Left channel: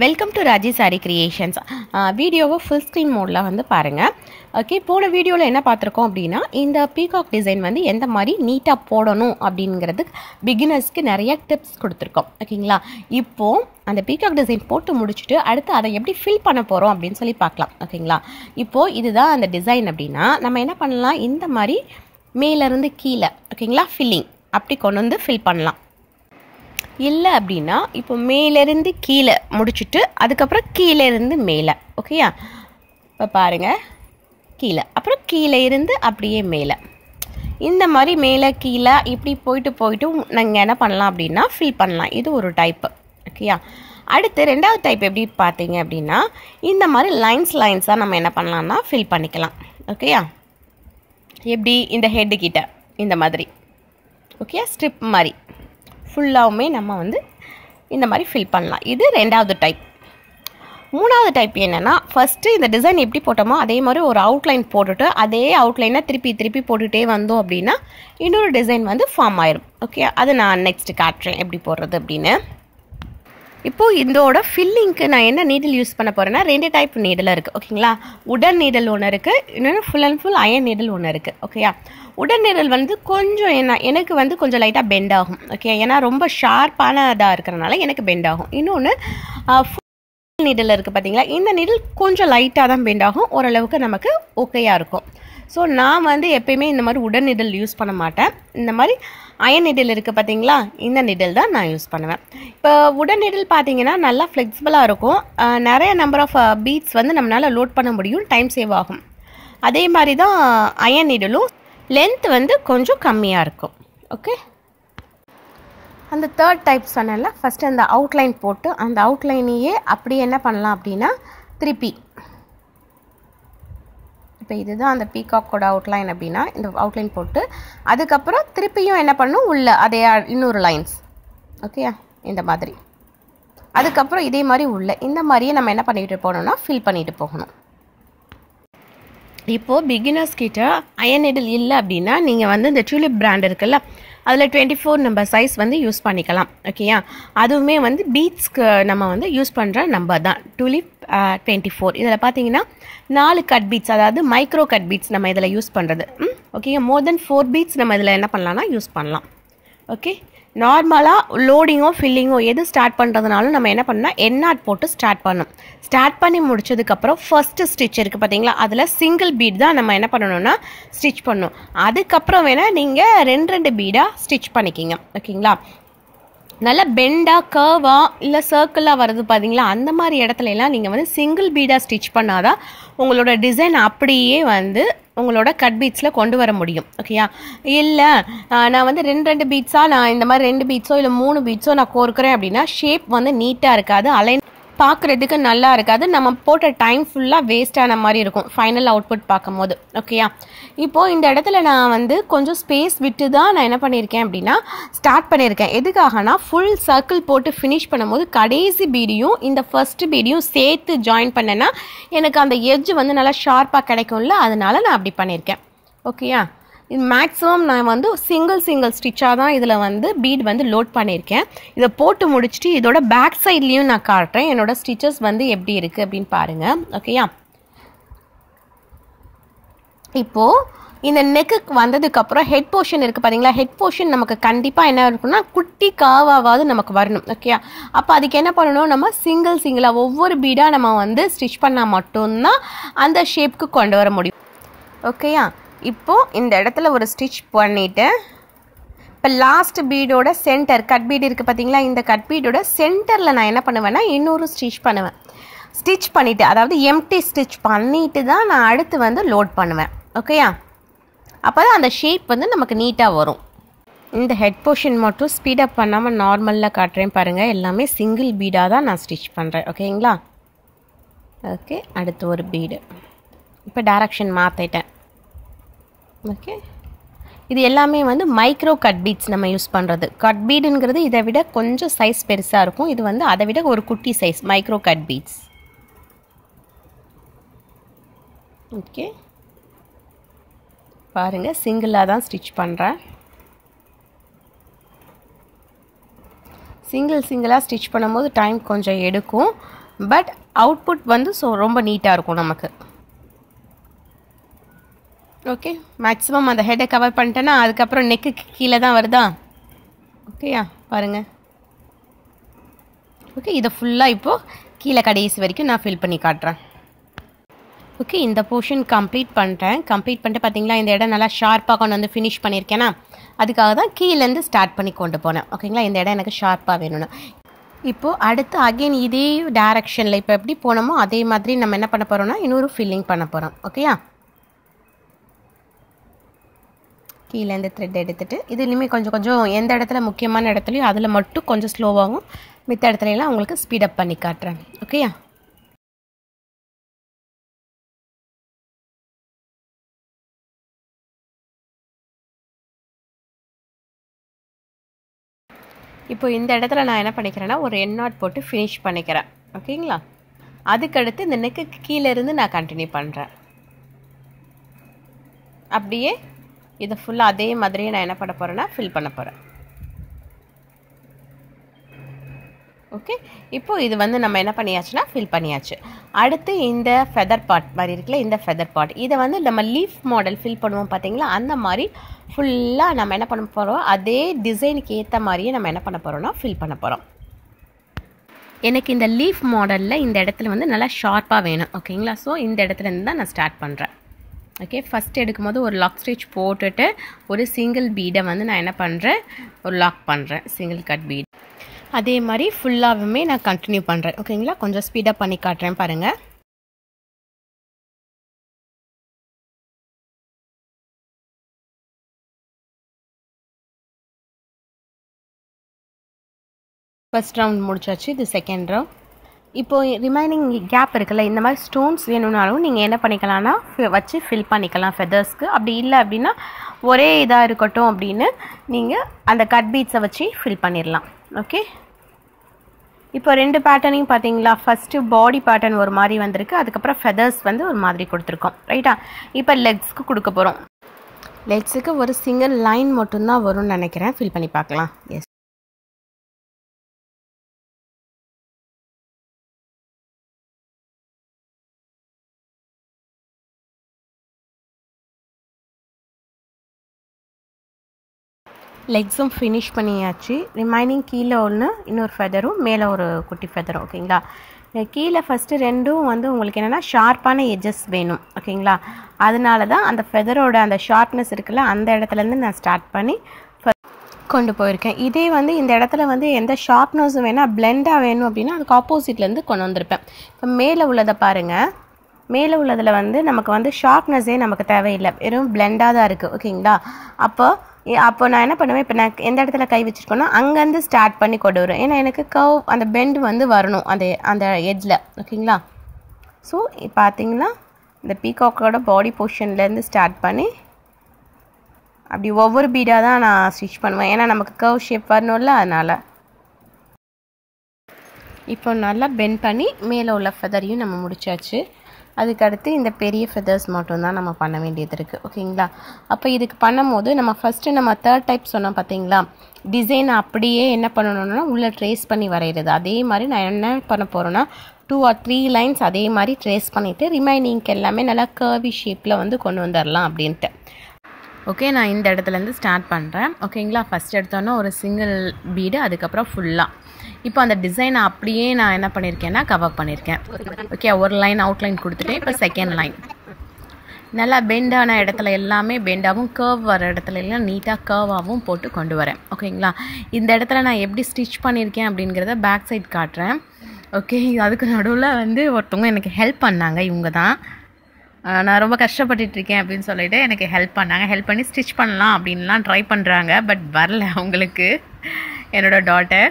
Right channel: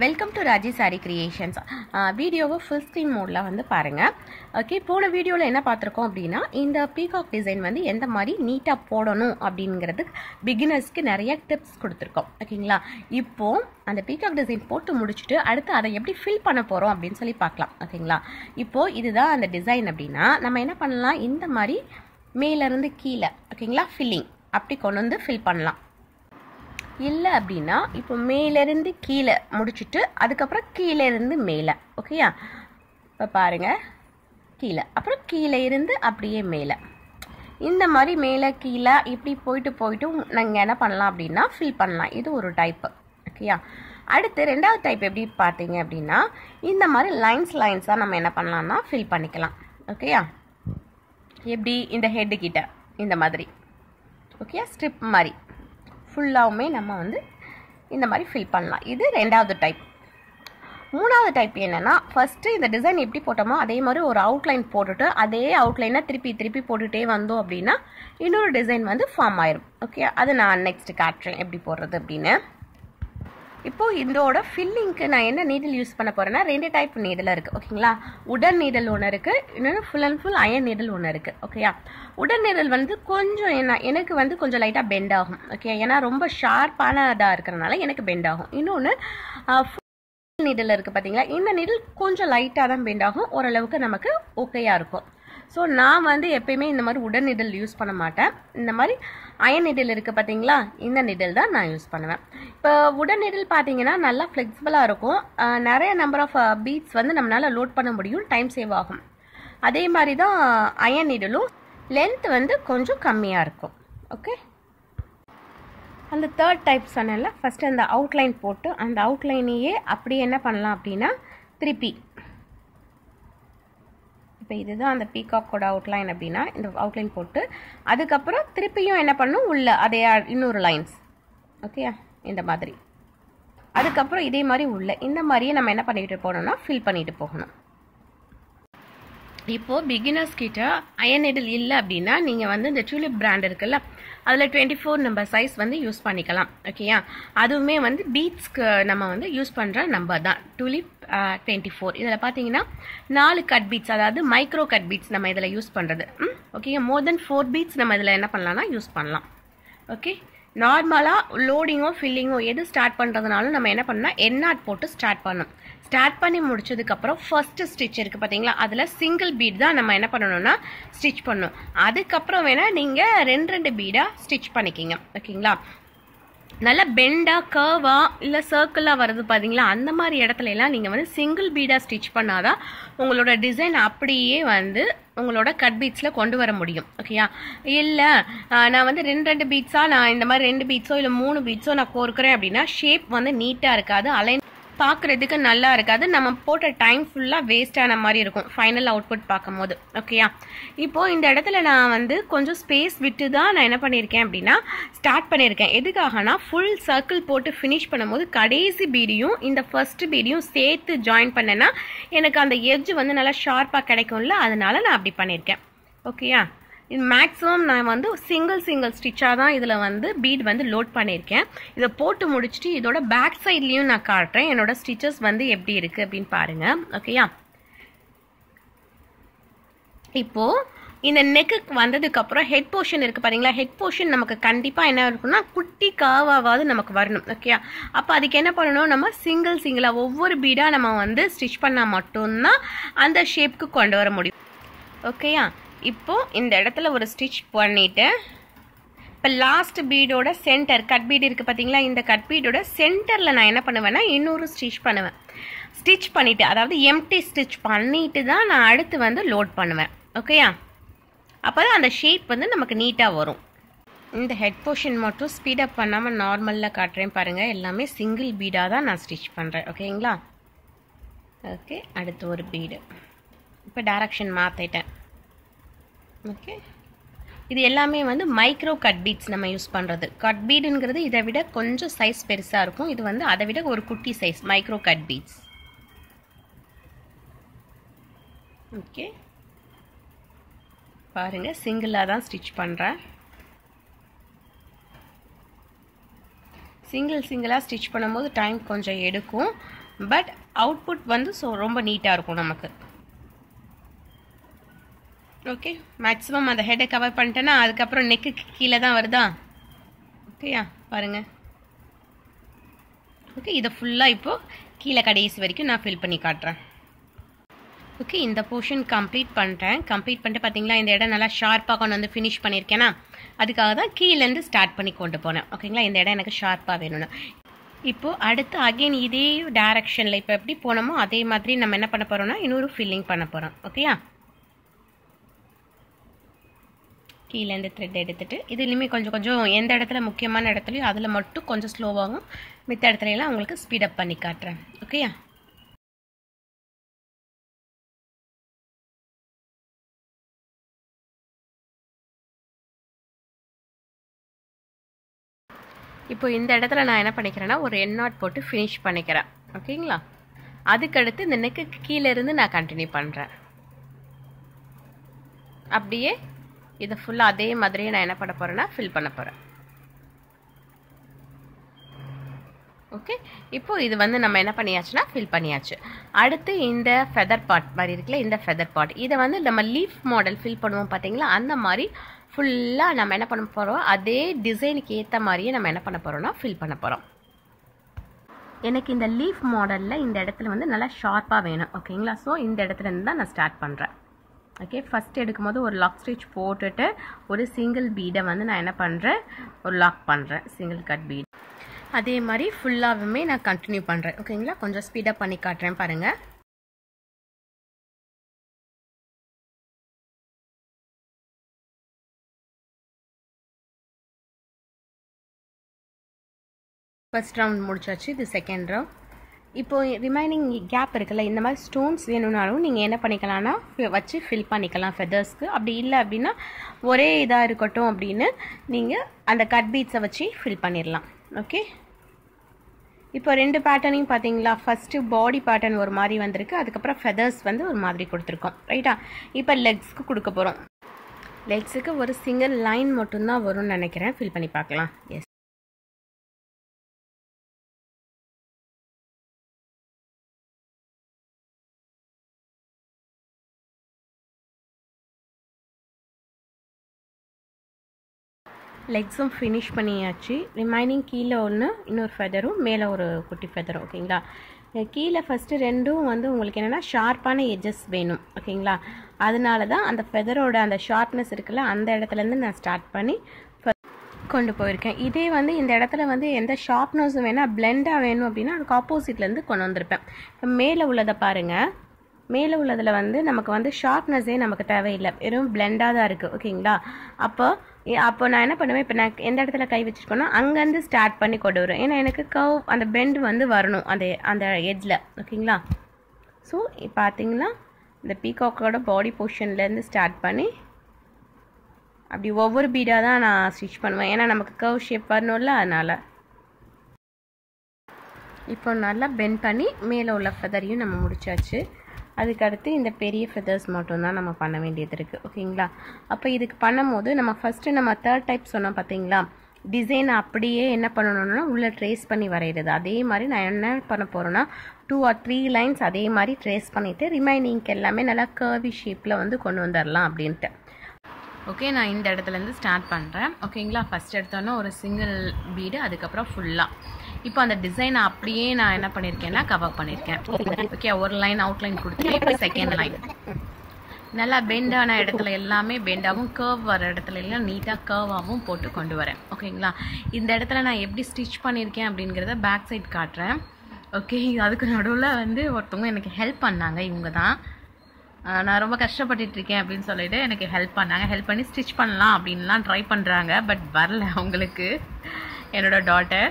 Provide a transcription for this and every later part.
Welcome to Raji sorry creations. வீடியோவை full screen மோடில் வந்து பாருங்கள். ஓகே, போன வீடியோவில் என்ன பார்த்துருக்கோம் அப்படின்னா, இந்த பீகாக் டிசைன் வந்து எந்த மாதிரி நீட்டாக போடணும் அப்படிங்கிறது பிகினர்ஸ்க்கு நிறைய டிப்ஸ் கொடுத்துருக்கோம். ஓகேங்களா, இப்போது அந்த பீகாக் டிசைன் போட்டு முடிச்சுட்டு அடுத்து அதை எப்படி ஃபில் பண்ண போகிறோம் அப்படின்னு சொல்லி பார்க்கலாம். ஓகேங்களா, இப்போது இதுதான் அந்த டிசைன் அப்படின்னா நம்ம என்ன பண்ணலாம், இந்த மாதிரி மேலேருந்து கீழே ஓகேங்களா ஃபில்லிங் அப்படி கொண்டு வந்து ஃபில் பண்ணலாம். இல்லை அப்படின்னா இப்போ மேலேருந்து கீழே முடிச்சுட்டு அதுக்கப்புறம் கீழே இருந்து மேலே. ஓகேயா, இப்போ பாருங்கள், கீழே அப்புறம் கீழே இருந்து அப்படியே மேலே, இந்த மாதிரி மேலே கீழே இப்படி போயிட்டு நாங்கள் என்ன பண்ணலாம் அப்படின்னா ஃபில் பண்ணலாம். இது ஒரு டைப்பு. ஓகேயா, அடுத்து ரெண்டாவது டைப் எப்படி பார்த்தீங்க அப்படின்னா, இந்த மாதிரி லைன்ஸாக நம்ம என்ன பண்ணலாம்னா ஃபில் பண்ணிக்கலாம். ஓகேயா, எப்படி இந்த ஹெட்டு கிட்ட இந்த மாதிரி ஓகே ஸ்ட்ரிப் மாதிரி ஃபுல்லாகவுமே நம்ம வந்து இந்த மாதிரி ஃபில் பண்ணலாம். இது ரெண்டாவது டைப். மூணாவது டைப் என்னென்னா, ஃபஸ்ட்டு இந்த டிசைன் எப்படி போட்டோமோ அதே மாதிரி ஒரு அவுட்லைன் போட்டுட்டு அதே அவுட்லைனை திருப்பி போட்டுகிட்டே வந்தோம் அப்படின்னா இன்னொரு டிசைன் வந்து ஃபார்ம் ஆயிரும். ஓகே, அது நான் நெக்ஸ்ட்டு காட்டுறேன் எப்படி போடுறது அப்படின்னு. இப்போது இதோட ஃபில்லிங்க்கு நான் என்ன நீடில் யூஸ் பண்ண போகிறேன்னா, ரெண்டு டைப் நீடில் இருக்குது. ஓகேங்களா, உடன் நீடல் ஒன்று இருக்குது, இன்னொன்று ஃபுல் அண்ட் ஃபுல் அயன் நீடல் ஒன்று இருக்குது. ஓகேயா, உடன் நீடல் வந்து கொஞ்சம் எனக்கு வந்து கொஞ்சம் லைட்டாக பெண்ட் ஆகும். ஓகே, ஏன்னா ரொம்ப ஷார்ப்பான இதாக இருக்கிறனால எனக்கு பெண்ட் ஆகும். இன்னொன்று ஃபுல் நீடல் இருக்குது பார்த்தீங்களா, இந்த நீடல் கொஞ்சம் லைட்டாக தான் பெண்ட் ஆகும், ஓரளவுக்கு நமக்கு ஓகேயாக இருக்கும். ஸோ நான் வந்து எப்பயுமே இந்த மாதிரி உடன் நீடல் யூஸ் பண்ண மாட்டேன். இந்த மாதிரி அயன் நீடில் இருக்குது பார்த்தீங்களா, இந்த நீடில் தான் நான் யூஸ் பண்ணுவேன். இப்போ உடன் நீடில் பார்த்தீங்கன்னா நல்லா ஃப்ளெக்சிபிளாக இருக்கும், நிறைய நம்பர் ஆஃப் பீட்ஸ் வந்து நம்மளால் லோட் பண்ண முடியும், டைம் சேவ் ஆகும். அதே மாதிரி தான் அயன் நீடிலும் லென்த் வந்து கொஞ்சம் கம்மியாக இருக்கும். ஓகே, அந்த தேர்ட் டைப் சொன்னேன்ல, ஃபஸ்ட்டு அந்த அவுட்லைன் போட்டு அந்த அவுட்லைனையே அப்படி என்ன பண்ணலாம் அப்படின்னா திருப்பி, இப்போ இதுதான் அந்த பீகாக்கோட அவுட்லைன் அப்படின்னா இந்த அவுட்லைன் போட்டு அதுக்கப்புறம் திருப்பியும் என்ன பண்ணணும் உள்ள அதே இன்னொரு லைன்ஸ். ஓகே, இந்த மாதிரி அதுக்கப்புறம் இதே மாதிரி உள்ள இந்த மாதிரியே நம்ம என்ன பண்ணிட்டு போகணும்னா ஃபில் பண்ணிட்டு போகணும். இப்போது பிகினர்ஸ் கிட்ட அயன் நீடில் இல்லை அப்படின்னா நீங்கள் வந்து இந்த டியூலிப் பிராண்ட் இருக்குல்ல, அதில் 24 நம்பர் சைஸ் வந்து யூஸ் பண்ணிக்கலாம். ஓகேயா, அதுவுமே வந்து பீட்ஸ்க்கு நம்ம வந்து யூஸ் பண்ணுற நம்பர் தான் டியூலிப் 24. இதில் பார்த்தீங்கன்னா 4 கட் பீட்ஸ், அதாவது மைக்ரோ கட் பீட்ஸ் நம்ம இதில் யூஸ் பண்ணுறது. ஓகே, மோர் தென் 4 பீட்ஸ் நம்ம இதில் என்ன பண்ணலாம்னா யூஸ் பண்ணலாம். ஓகே, நார்மலாக லோடிங்கோ ஃபில்லிங்கோ எது ஸ்டார்ட் பண்ணுறதுனாலும் நம்ம என்ன பண்ணால் எண்ணாட் போட்டு ஸ்டார்ட் பண்ணணும். ஸ்டார்ட் பண்ணி முடிச்சதுக்கப்புறம் ஃபஸ்ட்டு ஸ்டிச் இருக்குது பார்த்தீங்களா, அதில் சிங்கிள் பீட் தான் நம்ம என்ன பண்ணணும்னா ஸ்டிச் பண்ணணும். அதுக்கப்புறம் வேணால் நீங்கள் ரெண்டு பீடாக ஸ்டிச் பண்ணிக்கிங்க. ஓகேங்களா, நல்லா பெண்டாக கர்வாக இல்லை சர்க்கிளாக வருது பார்த்தீங்களா, அந்த மாதிரி இடத்துல எல்லாம் நீங்கள் வந்து சிங்கிள் பீடாக ஸ்டிச் பண்ணாதான் உங்களோட டிசைன் அப்படியே வந்து உங்களோட கட் பீட்ஸில் கொண்டு வர முடியும். ஓகேயா, இல்லை நான் வந்து ரெண்டு பீட்ஸாக நான் இந்த மாதிரி 2 பீட்ஸோ இல்லை 3 பீட்ஸோ நான் கோர்க்குறேன் அப்படின்னா ஷேப் வந்து நீட்டாக இருக்காது, அலைன் பார்க்குறதுக்கு நல்லா இருக்காது, நம்ம போட்ட டைம் ஃபுல்லாக வேஸ்ட் ஆன மாதிரி இருக்கும் ஃபைனல் அவுட்புட் பார்க்கும் போது. ஓகேயா, இப்போது இந்த இடத்துல நான் வந்து கொஞ்சம் ஸ்பேஸ் விட்டு தான் நான் என்ன பண்ணியிருக்கேன் அப்படின்னா ஸ்டார்ட் பண்ணியிருக்கேன். எதுக்காகனா ஃபுல் சர்க்கிள் போட்டு ஃபினிஷ் பண்ணும்போது கடைசி பீடியும் இந்த ஃபர்ஸ்ட் பீடியும் சேர்த்து ஜாயின் பண்ணேன்னா எனக்கு அந்த எட்ஜ் வந்து நல்லா ஷார்ப்பாக கிடைக்கும்ல, அதனால நான் அப்படி பண்ணியிருக்கேன். ஓகேயா, இது மேக்ஸிமம் நான் வந்து சிங்கிள் ஸ்டிச்சாக தான் இதில் வந்து பீட் வந்து லோட் பண்ணியிருக்கேன். இதை போட்டு முடிச்சுட்டு இதோட பேக் சைட்லேயும் நான் காட்டுறேன் என்னோட ஸ்டிச்சஸ் வந்து எப்படி இருக்குது அப்படின்னு பாருங்கள். ஓகேயா, இப்போது இந்த நெக்குக்கு வந்ததுக்கப்புறம் ஹெட் போர்ஷன் இருக்குது பார்த்தீங்களா, ஹெட் போர்ஷன் நமக்கு கண்டிப்பாக என்ன இருக்குன்னா குட்டி காவாவது நமக்கு வரணும். ஓகேயா, அப்போ அதுக்கு என்ன பண்ணணும், நம்ம சிங்கிளாக ஒவ்வொரு பீடாக நம்ம வந்து ஸ்டிச் பண்ணால் மட்டும்தான் அந்த ஷேப்புக்கு கொண்டு வர முடியும். ஓகேயா, இப்போது இந்த இடத்துல ஒரு ஸ்டிச் பண்ணிவிட்டு இப்போ லாஸ்ட் பீடோட சென்டர் கட் பீடு இருக்குது பார்த்தீங்களா, இந்த கட் பீடோட சென்டரில் நான் என்ன பண்ணுவேன்னா இன்னொரு ஸ்டிச் பண்ணுவேன். ஸ்டிச் பண்ணிவிட்டு, அதாவது எம்டி ஸ்டிச் பண்ணிவிட்டு தான் நான் அடுத்து வந்து லோட் பண்ணுவேன். ஓகேயா, அப்போ தான் அந்த ஷேப் வந்து நமக்கு நீட்டாக வரும். இந்த ஹெட் போர்ஷன் மட்டும் ஸ்பீடப் பண்ணாமல் நார்மலில் காட்டுறேன் பாருங்கள், எல்லாமே சிங்கிள் பீடாக தான் நான் ஸ்டிச் பண்ணுறேன். ஓகேங்களா, ஓகே, அடுத்து ஒரு பீடு, இப்போ டைரக்ஷன் மாற்றிட்டேன். ஓகே, இது எல்லாமே வந்து மைக்ரோ கட் பீட்ஸ் நம்ம யூஸ் பண்ணுறது. கட் பீடுங்கிறது இதை விட கொஞ்சம் சைஸ் பெருசாக இருக்கும், இது வந்து அதை விட ஒரு குட்டி size micro cut beads. Okay, பாருங்கள் சிங்கிளாக தான் ஸ்டிச் பண்ணுறேன். சிங்கிளாக ஸ்டிச் பண்ணும்போது டைம் கொஞ்சம் எடுக்கும். பட் அவுட்புட் வந்து ரொம்ப நீட்டாக இருக்கும் நமக்கு. ஓகே, மேக்ஸிமம் அந்த ஹெட்டை கவர் பண்ணிட்டேன்னா அதுக்கப்புறம் நெக்குக்கு கீழே தான் வருதா. ஓகேயா, பாருங்கள். ஓகே, இதை ஃபுல்லாக இப்போது கீழே கடைசி வரைக்கும் நான் ஃபில் பண்ணி காட்டுறேன். ஓகே, இந்த போர்ஷன் கம்ப்ளீட் பண்ணிட்டு பார்த்தீங்களா, இந்த இடம் நல்லா ஷார்ப்பாக கொண்டு வந்து ஃபினிஷ் பண்ணியிருக்கேன்னா அதுக்காக தான் கீழேருந்து ஸ்டார்ட் பண்ணி கொண்டு போனேன். ஓகேங்களா, இந்த இடம் எனக்கு ஷார்ப்பாக வேணும்னு. இப்போது அடுத்து அகெயின் இதே டைரக்ஷனில் இப்போ எப்படி போனோமோ அதே மாதிரி நம்ம என்ன பண்ண போகிறோம்னா இன்னொரு ஃபில்லிங் பண்ண போகிறோம். ஓகேயா, கீழேருந்து த்ரெட் எடுத்துகிட்டு இதுலேயுமே கொஞ்சம் கொஞ்சம் எந்த இடத்துல முக்கியமான இடத்துலையும் அதில் மட்டும் கொஞ்சம் ஸ்லோவாகும், மித்த இடத்துலலாம் உங்களுக்கு ஸ்பீடப் பண்ணி காட்டுறேன். ஓகேயா, இப்போ இந்த இடத்துல நான் என்ன பண்ணிக்கிறேன்னா ஒரு எண்ட் நாட் போட்டு ஃபினிஷ் பண்ணிக்கிறேன். ஓகேங்களா, அதுக்கடுத்து இந்த நெக்கு கீழேருந்து நான் கண்டினியூ பண்ணுறேன். அப்படியே இதை ஃபுல்லாக அதே மாதிரியே நான் என்ன பண்ண போகிறேன்னா ஃபில் பண்ண போகிறேன். ஓகே, இப்போது இது வந்து நம்ம என்ன பண்ணியாச்சுன்னா ஃபில் பண்ணியாச்சு. அடுத்து இந்த ஃபெதர் பார்ட் மாதிரி இருக்குல்ல, இந்த ஃபெதர் பார்ட் இதை வந்து நம்ம லீஃப் மாடல் ஃபில் பண்ணுவோம் பார்த்தீங்களா, அந்த மாதிரி ஃபுல்லாக நம்ம என்ன பண்ண போகிறோம், அதே டிசைனுக்கு ஏற்ற மாதிரியே நம்ம என்ன பண்ண போகிறோம்னா ஃபில் பண்ண போகிறோம். எனக்கு இந்த லீஃப் மாடலில் இந்த இடத்துல வந்து நல்லா ஷார்ப்பாக வேணும். ஓகேங்களா, ஸோ இந்த இடத்துலேருந்து தான் நான் ஸ்டார்ட் பண்ணுறேன். ஓகே, ஃபஸ்ட் எடுக்கும்போது ஒரு லாக் ஸ்டிச் போட்டுட்டு ஒரு சிங்கிள் பீடை வந்து நான் என்ன பண்ணுறேன், ஒரு லாக் பண்ணுறேன், சிங்கிள் கட் பீட். அதே மாதிரி ஃபுல்லாகவுமே நான் கண்டினியூ பண்ணுறேன். ஓகேங்களா, கொஞ்சம் ஸ்பீடாக பண்ணி காட்டுறேன் பாருங்கள். ஃபர்ஸ்ட் ரவுண்ட் முடிச்சாச்சு, இது செகண்ட் ரவுண்ட். இப்போது ரிமைனிங் கேப் இருக்குல்ல, இந்த மாதிரி ஸ்டோன்ஸ் வேணும்னாலும் நீங்கள் என்ன பண்ணிக்கலாம்னா வச்சு ஃபில் பண்ணிக்கலாம் ஃபெதர்ஸ்க்கு. அப்படி இல்லை அப்படின்னா ஒரே இதாக இருக்கட்டும் அப்படின்னு நீங்கள் அந்த கட் பீட்ஸை வச்சு ஃபில் பண்ணிடலாம். ஓகே, இப்போ ரெண்டு பேட்டர்னையும் பார்த்தீங்களா, ஃபஸ்ட்டு பாடி பேட்டர்ன் ஒரு மாதிரி வந்திருக்கு, அதுக்கப்புறம் ஃபெதர்ஸ் வந்து ஒரு மாதிரி கொடுத்துருக்கோம். ரைட்டா, இப்போ லெக்ஸ்க்கு கொடுக்க போகிறோம். லெக்ஸுக்கு ஒரு சிங்கிள் லைன் மட்டும்தான் வரும்னு நினைக்கிறேன், ஃபில் பண்ணி பார்க்கலாம். எஸ், லெக்ஸும் ஃபினிஷ் பண்ணியாச்சு. ரிமைனிங் கீழே ஒன்று, இன்னொரு ஃபெதரும், மேலே ஒரு குட்டி ஃபெதரும். ஓகேங்களா, கீழே ஃபஸ்ட்டு ரெண்டும் வந்து உங்களுக்கு என்னென்னா ஷார்ப்பான எட்ஜஸ் வேணும். ஓகேங்களா, அதனால தான் அந்த ஃபெதரோட அந்த ஷார்ப்னஸ் இருக்குல்ல, அந்த இடத்துலேருந்து நான் ஸ்டார்ட் பண்ணி கொண்டு போயிருக்கேன். இதே வந்து இந்த இடத்துல வந்து எந்த ஷார்ப்னஸும் வேணால் பிளெண்டாக வேணும் அப்படின்னா அதுக்கு ஆப்போசிட்லேருந்து கொண்டு வந்திருப்பேன். இப்போ மேலே உள்ளதை பாருங்கள், மேலே உள்ளதில் வந்து நமக்கு வந்து ஷார்ப்னஸே நமக்கு தேவையில்லை, வெறும் பிளெண்டாக தான் இருக்குது. ஓகேங்களா, அப்போ நான் என்ன பண்ணுவேன், இப்போ நான் எந்த இடத்துல கை வச்சுருக்கோன்னா அங்கேருந்து ஸ்டார்ட் பண்ணி கொண்டு வரும். ஏன்னா எனக்கு கர்வ் அந்த பெண்ட் வந்து வரணும் அந்த எட்ஜில். ஓகேங்களா, ஸோ பார்த்தீங்கன்னா இந்த பீகாக்கோட பாடி போர்ஷன்லேருந்து ஸ்டார்ட் பண்ணி அப்படி ஒவ்வொரு பீடாக தான் நான் ஸ்டிச் பண்ணுவேன், ஏன்னா நமக்கு கர்வ் ஷேப் வரணும்ல, அதனால். இப்போ நல்லா பெண்ட் பண்ணி மேலே உள்ள ஃபெதரையும் நம்ம முடிச்சாச்சு. அதுக்கடுத்து இந்த பெரிய ஃபெதர்ஸ் மட்டும்தான் நம்ம பண்ண வேண்டியது இருக்குது. ஓகேங்களா, அப்போ இதுக்கு பண்ணும்போது நம்ம ஃபஸ்ட்டு நம்ம தேர்ட் டைப் சொன்னோம் பார்த்தீங்களா, டிசைனை அப்படியே என்ன பண்ணணும்னா உள்ளே ட்ரேஸ் பண்ணி வரைகிறது. அதே மாதிரி நான் என்ன பண்ண போகிறேன்னா 2 or 3 லைன்ஸ் அதே மாதிரி ட்ரேஸ் பண்ணிவிட்டு ரிமைனிங்க்கு எல்லாமே நல்லா கர்வி ஷேப்பில் வந்து கொண்டு வந்துடலாம் அப்படின்ட்டு. ஓகே, நான் இந்த இடத்துலேருந்து ஸ்டார்ட் பண்ணுறேன். ஓகேங்களா, ஃபஸ்ட் எடுத்தோன்னா ஒரு சிங்கிள் பீடு, அதுக்கப்புறம் ஃபுல்லாக இப்போ அந்த டிசைனை அப்படியே நான் என்ன பண்ணியிருக்கேன்னா கவர் பண்ணியிருக்கேன். ஓகே, ஒரு லைன் அவுட்லைன் கொடுத்துட்டேன். இப்போ செகண்ட் லைன் நல்லா பெண்டான இடத்துல எல்லாமே பெண்டாகவும், கர்வ் வர இடத்துல எல்லாம் நீட்டாக கர்வாகவும் போட்டு கொண்டு வரேன். ஓகேங்களா, இந்த இடத்துல நான் எப்படி ஸ்டிச் பண்ணியிருக்கேன் அப்படிங்கிறத பேக் சைட் காட்டுறேன். ஓகே, அதுக்கு நடுவில் வந்து ஒருத்தவங்க எனக்கு ஹெல்ப் பண்ணாங்க. இவங்க தான் நான் ரொம்ப கஷ்டப்பட்டுட்ருக்கேன் அப்படின்னு சொல்லிட்டு எனக்கு ஹெல்ப் பண்ணாங்க. ஹெல்ப் பண்ணி ஸ்டிச் பண்ணலாம் அப்படின்லாம் ட்ரை பண்ணுறாங்க, பட் வரல அவங்களுக்கு. என்னோடய டாட்டர்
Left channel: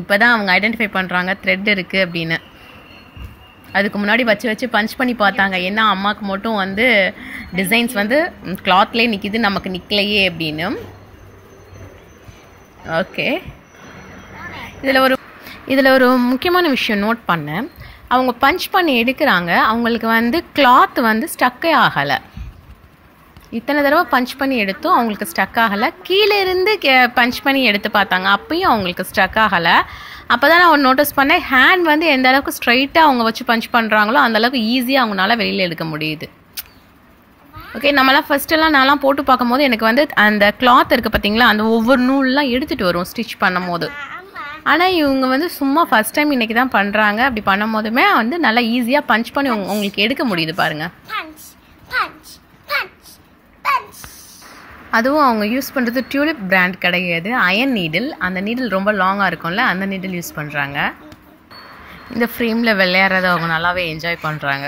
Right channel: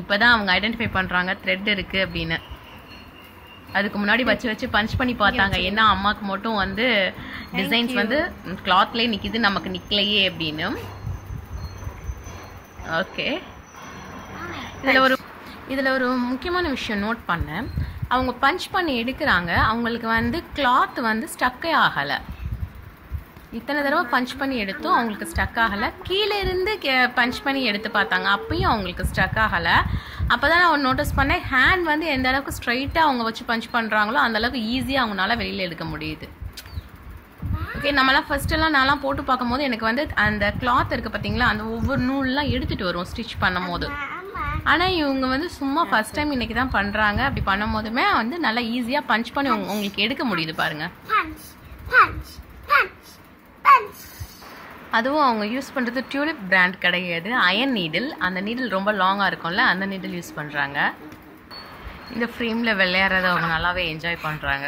இப்போ தான் அவங்க ஐடென்டிஃபை பண்ணுறாங்க த்ரெட் இருக்குது அப்படின்னு. அதுக்கு முன்னாடி வச்சு பஞ்ச் பண்ணி பார்த்தாங்க, ஏன்னா அம்மாவுக்கு மட்டும் வந்து டிசைன்ஸ் வந்து கிளாத்லேயே நிற்கிது, நமக்கு நிற்கலையே அப்படின்னு. ஓகே, இதில் ஒரு முக்கியமான விஷயம் நோட் பண்ணேன். அவங்க பஞ்ச் பண்ணி எடுக்கிறாங்க, அவங்களுக்கு வந்து கிளாத் வந்து ஸ்டக்கே ஆகலை. இத்தனை தடவை பஞ்ச் பண்ணி எடுத்தும் அவங்களுக்கு ஸ்டக் ஆகலை. கீழே இருந்து பஞ்ச் பண்ணி எடுத்து பார்த்தாங்க, அப்பயும் அவங்களுக்கு ஸ்டக் ஆகலை. அப்போ தான் நான் நோட்டீஸ் பண்ணேன், ஹேண்ட் வந்து எந்த அளவுக்கு ஸ்ட்ரைட்டாக அவங்க வச்சு பஞ்ச் பண்ணுறாங்களோ அந்தளவுக்கு ஈஸியாக அவங்களால வெளியில் எடுக்க முடியுது. ஓகே, நம்மளாம் ஃபஸ்ட்டெல்லாம் நான்லாம் போட்டு பார்க்கும்போது எனக்கு வந்து அந்த கிளாத் இருக்குது பார்த்தீங்களா, அந்த ஒவ்வொரு நூல்லாம் எடுத்துகிட்டு வரும் ஸ்டிச் பண்ணும் போது. ஆனால் இவங்க வந்து சும்மா ஃபஸ்ட் டைம் இன்றைக்கி தான் பண்ணுறாங்க. அப்படி பண்ணும் போதுமே வந்து நல்லா ஈஸியாக பஞ்ச் பண்ணி உங்களுக்கு எடுக்க முடியுது பாருங்கள். அதுவும் அவங்க யூஸ் பண்ணுறது டியூலிப் பிராண்ட் கிடையாது, அயன் நீடில். அந்த நீடில் ரொம்ப லாங்காக இருக்கும்ல, அந்த நீடில் யூஸ் பண்ணுறாங்க. இந்த ஃப்ரேமில் விளையாடுறத அவங்க நல்லாவே என்ஜாய் பண்ணுறாங்க.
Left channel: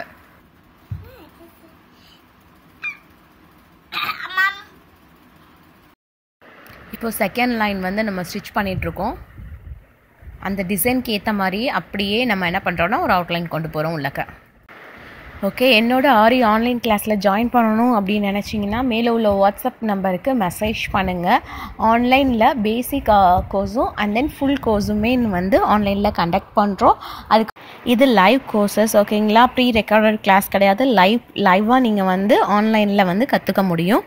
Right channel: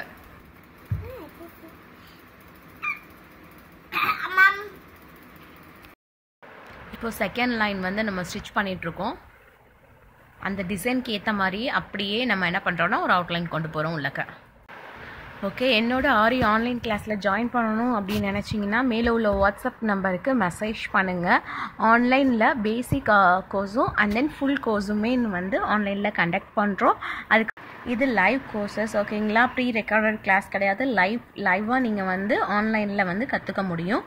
இப்போ செகண்ட் லைன் வந்து நம்ம ஸ்டிச் பண்ணிகிட்ருக்கோம். அந்த டிசைனுக்கு ஏற்ற மாதிரி அப்படியே நம்ம என்ன பண்ணுறோன்னா ஒரு அவுட்லைன் கொண்டு போகிறோம் உள்ளக்க. ஓகே, என்னோட ஆரி ஆன்லைன் கிளாஸில் ஜாயின் பண்ணணும் அப்படின்னு நினச்சிங்கன்னா மேலே உள்ள வாட்ஸ்அப் நம்பருக்கு மெசேஜ் பண்ணுங்கள். ஆன்லைனில் பேசிக் கோர்ஸும் அண்ட் தென் ஃபுல் கோர்ஸுமே வந்து ஆன்லைனில் கண்டக்ட் பண்ணுறோம். அதுக்கு இது லைவ் கோர்சஸ், ஓகேங்களா, ப்ரீ ரெக்கார்டட் கிளாஸ் கிடையாது. லைவாக நீங்கள் வந்து ஆன்லைனில் வந்து கற்றுக்க முடியும்.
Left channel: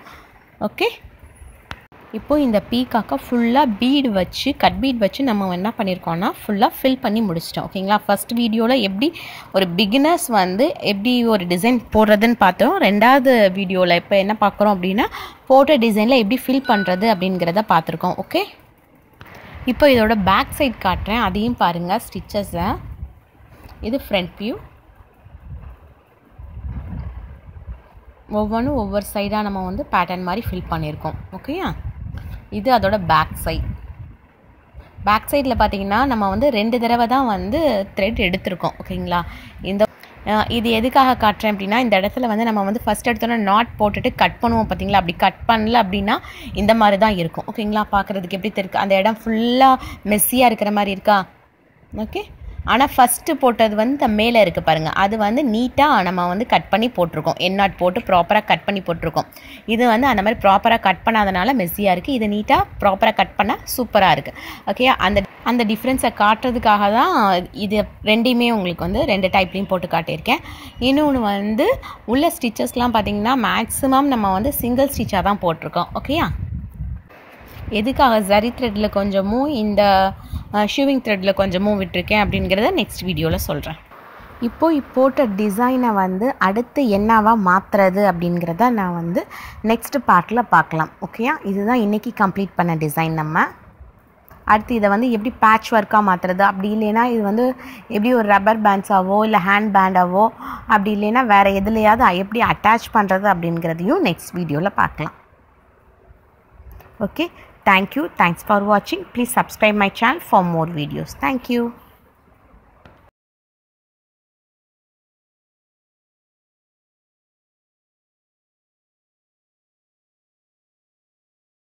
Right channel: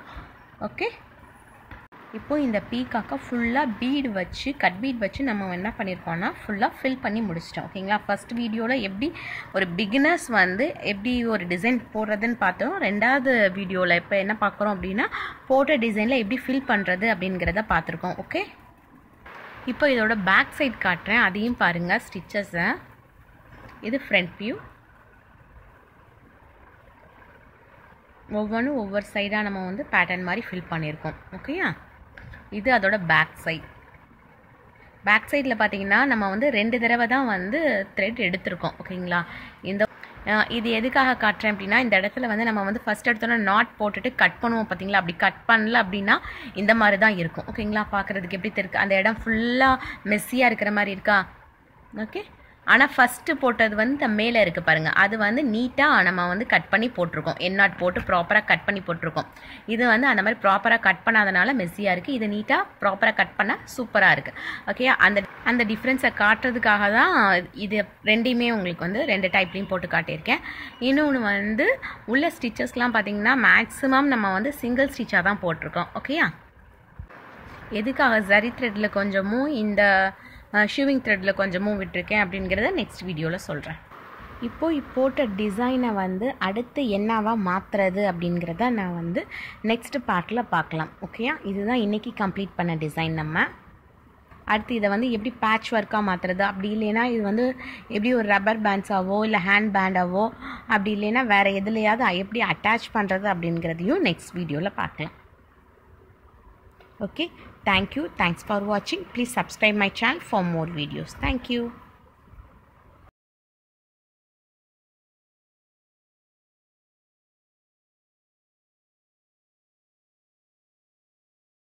ஓகே, இப்போது இந்த பீகாக்கை ஃபுல்லாக பீடு வச்சு கட் பீட் வச்சு நம்ம என்ன பண்ணியிருக்கோன்னா ஃபுல்லாக ஃபில் பண்ணி முடிச்சிட்டோம். ஓகேங்களா, ஃபஸ்ட் வீடியோவில் எப்படி ஒரு பிகினர்ஸ் வந்து எப்படி ஒரு டிசைன் போடுறதுன்னு பார்த்தோம். ரெண்டாவது வீடியோவில் இப்போ என்ன பார்க்குறோம் அப்படின்னா போட்ட டிசைனில் எப்படி ஃபில் பண்ணுறது அப்படிங்கிறத பார்த்துருக்கோம். ஓகே, இப்போ இதோட பேக் சைட் காட்டுறேன், அதையும் பாருங்கள் ஸ்டிச்சஸை. இது ஃப்ரண்ட் வியூ, ஒவ்வொன்றும் ஒவ்வொரு சைடாக நம்ம வந்து பேட்டர்ன் மாதிரி ஃபில் பண்ணியிருக்கோம். ஓகேயா, இது அதோட பேக் சைட். பேக் சைடில் பார்த்தீங்கன்னா நம்ம வந்து 2 தடவை தான் வந்து த்ரெட் எடுத்திருக்கோம். ஓகேங்களா, இது எதுக்காக காட்டுறேன் அப்படின்னா இந்த இடத்துல வந்து நம்ம வந்து ஃபஸ்ட் எடுத்தோன்னா நாட் போட்டுட்டு கட் பண்ணுவோம் பார்த்தீங்களா, அப்படி கட் பண்ணல அப்படின்னா இந்த மாதிரி தான் இருக்கும். ஓகேங்களா, பார்க்குறதுக்கு எப்படி இருக்குது, அந்த இடம் ஃபுல்லாக மெஸ்ஸியாக இருக்கிற மாதிரி இருக்கா. ஓகே, ஆனால் ஃபஸ்ட்டு போட்டது வந்து மேலே இருக்குது பாருங்கள், அது வந்து நீட்டாக நம்ம வந்து கட் பண்ணி போட்டிருக்கோம். எண்ணாட் போட்டு ப்ராப்பராக கட் பண்ணி போட்டிருக்கோம். இது வந்து அந்த மாதிரி ப்ராப்பராக கட் பண்ணாதனால மெஸ்ஸியாக இருக்குது. இது நீட்டாக ப்ராப்பராக கட் பண்ண சூப்பராக இருக்குது. ஓகே, அந்த டிஃப்ரென்ஸை காட்டுறதுக்காக தான் இது ரெண்டையுமே உங்களுக்கு வந்து 2 டைப்லேயும் போட்டு காட்டியிருக்கேன். இன்னொன்று வந்து உள்ள ஸ்டிச்சஸ்லாம் பார்த்திங்கன்னா மேக்ஸிமம் நம்ம வந்து சிங்கிள் ஸ்டிச்சாக தான் போட்டிருக்கோம். ஓகேயா, எதுக்காக ஜரி த்ரெட்டில் கொஞ்சமும் இந்த ஷூவிங் த்ரெட்டில் கொஞ்சமும் விட்டுருக்கேன் அப்படிங்கிறத நெக்ஸ்ட் வீடியோவில் சொல்கிறேன். இப்போது போட்ட டிசைனை வந்து அடுத்து என்னவா மாற்றுறது அப்படிங்கிறத நான் வந்து நெக்ஸ்ட் பார்ட்டில் பார்க்கலாம். ஓகேயா, இதுதான் இன்றைக்கி கம்ப்ளீட் பண்ண டிசைன். நம்ம அடுத்து இதை வந்து எப்படி பேட்ச் ஒர்க்காக மாற்றுறது, அப்படி இல்லைன்னா இது வந்து எப்படி ஒரு ரப்பர் பேண்ட்ஸாவோ இல்லை ஹேண்ட் பேண்டாவோ, அப்படி இல்லைன்னா வேறு எதுலையாவது எப்படி அட்டாச் பண்ணுறது அப்படிங்கிறதையும் நெக்ஸ்ட் வீடியோவில் பார்க்கலாம். Okay, thank you. Thanks for watching. Please subscribe my channel for more videos. Thank you.